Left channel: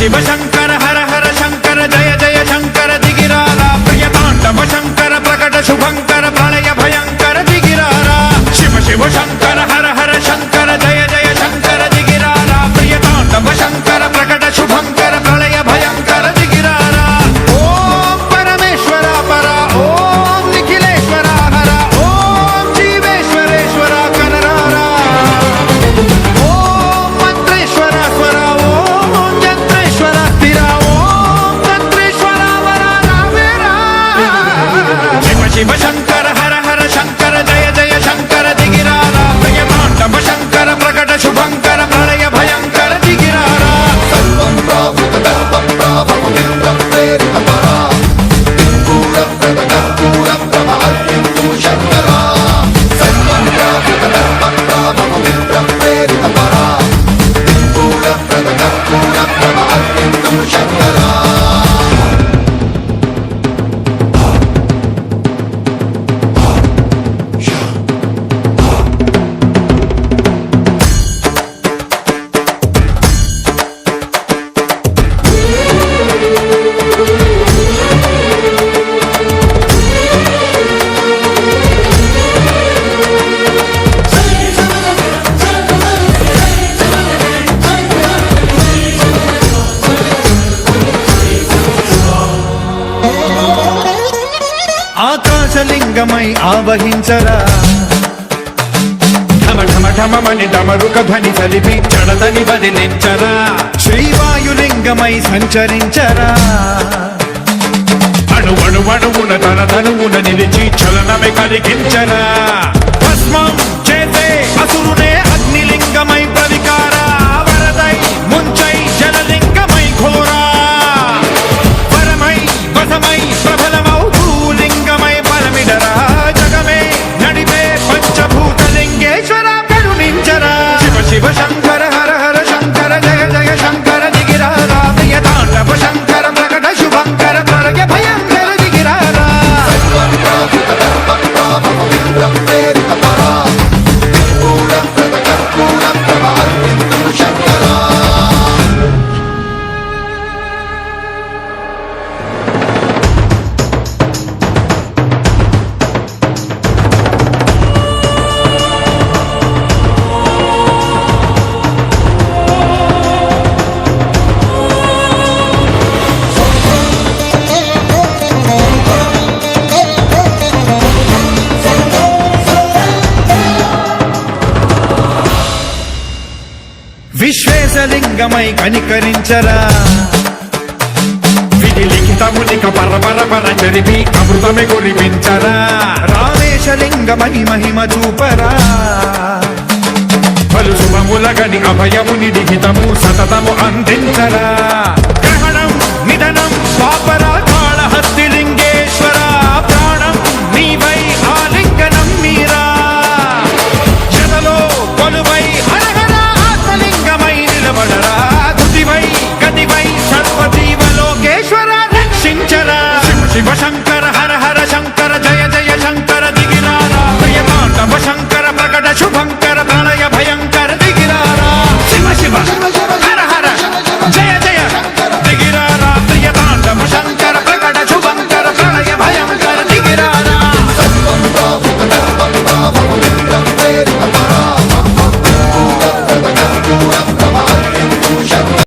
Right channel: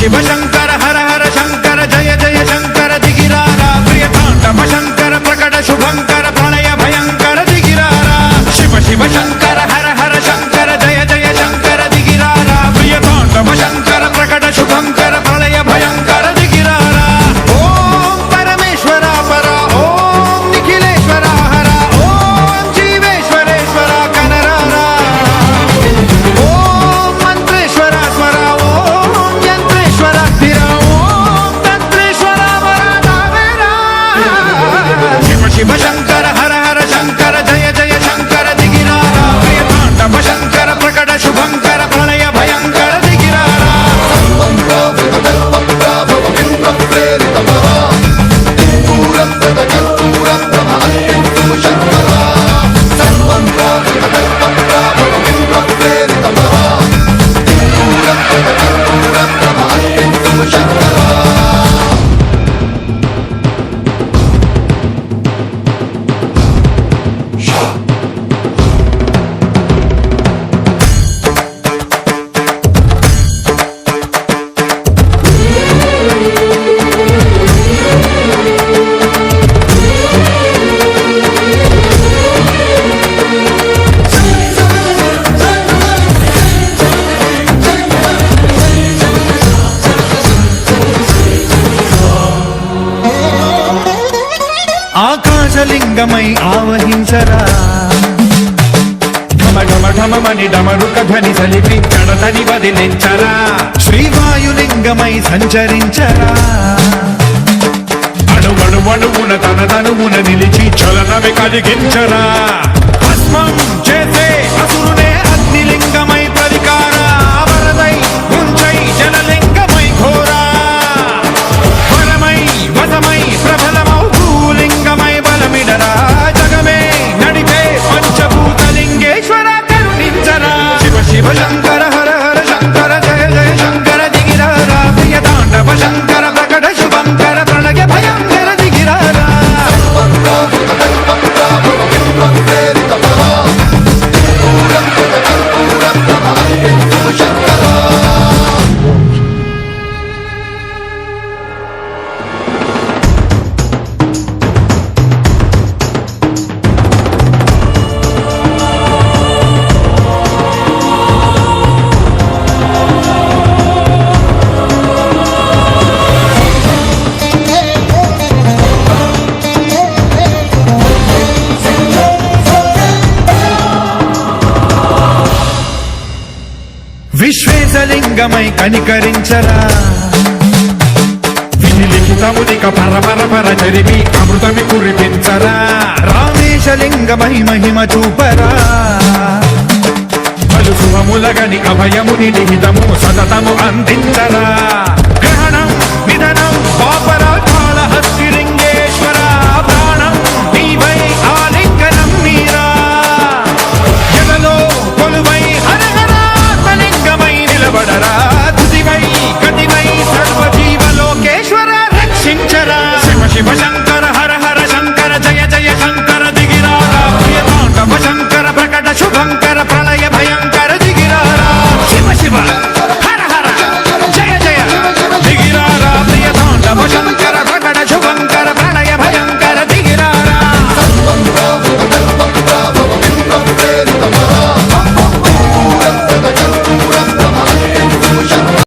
శివ శంకర హర హర శంకర జయ జయ శంకర దిగిరారా ప్రియ తాండవ శంకర ప్రకట శుభంకర ప్రళయ భయంకర దిగిరారా శివ శివ శంకర హర హర శంకర జయ జయ శంకర దిగిరారా ప్రియ తాండవ శంకర ప్రకట శుభంకర ప్రళయ భయంకర దిగిరారా ఓం పరమేశ్వర పర ఓం నిఖిలేశ్వర హర ఓం జీవేశ్వరేశ్వర కరరారా ఓం మంత్రేశ్వర స్వర ఓం యంత్రేశ్వర స్థిర ఓం తంత్రేశ్వర వర నావేరా శివ శివ శంకర హర హర శంకర జయ జయ శంకర దిగిరారా ప్రియ తాండవ శంకర ప్రకట శుభంకర ప్రళయ భయంకర దిగిరారా ఆకాశలింగమై ఆవహించరా ఢమ ఢమ ఢమమని డమరుక ధ్వని సలిపి జడదని వదిలించరా శ్రీవాయులింగమై సంచరించరా అణువణువున తన తనువున నిలిచి చలనమే కలిగించరా భస్మం చేసే అసురునే అగ్నిలింగమై ప్రవికార వరదై ముంచై జలలింగమై ఘోరా వరమై వసమై ప్రబలమౌ భూలింగమై బలమిడరా జగమే నడిపే పంచభూతలింగేశ్వర కరుణించరా శివ శివ శంకర హర హర శంకర జయ జయ శంకర దిగిరారా ప్రియ తాండవ శంకర ప్రకట శుభంకర ప్రళయ భయంకర దిగిరారా విశ్వేశలింగమై కనికరించరా విధి లిఖితమునిక పరపర చరివి అమృతమి కురిపించరా రామేశలింగమై మహిమ చూపరా పలు శుభములగని అభయముని లిఖితము సతతము అందించరా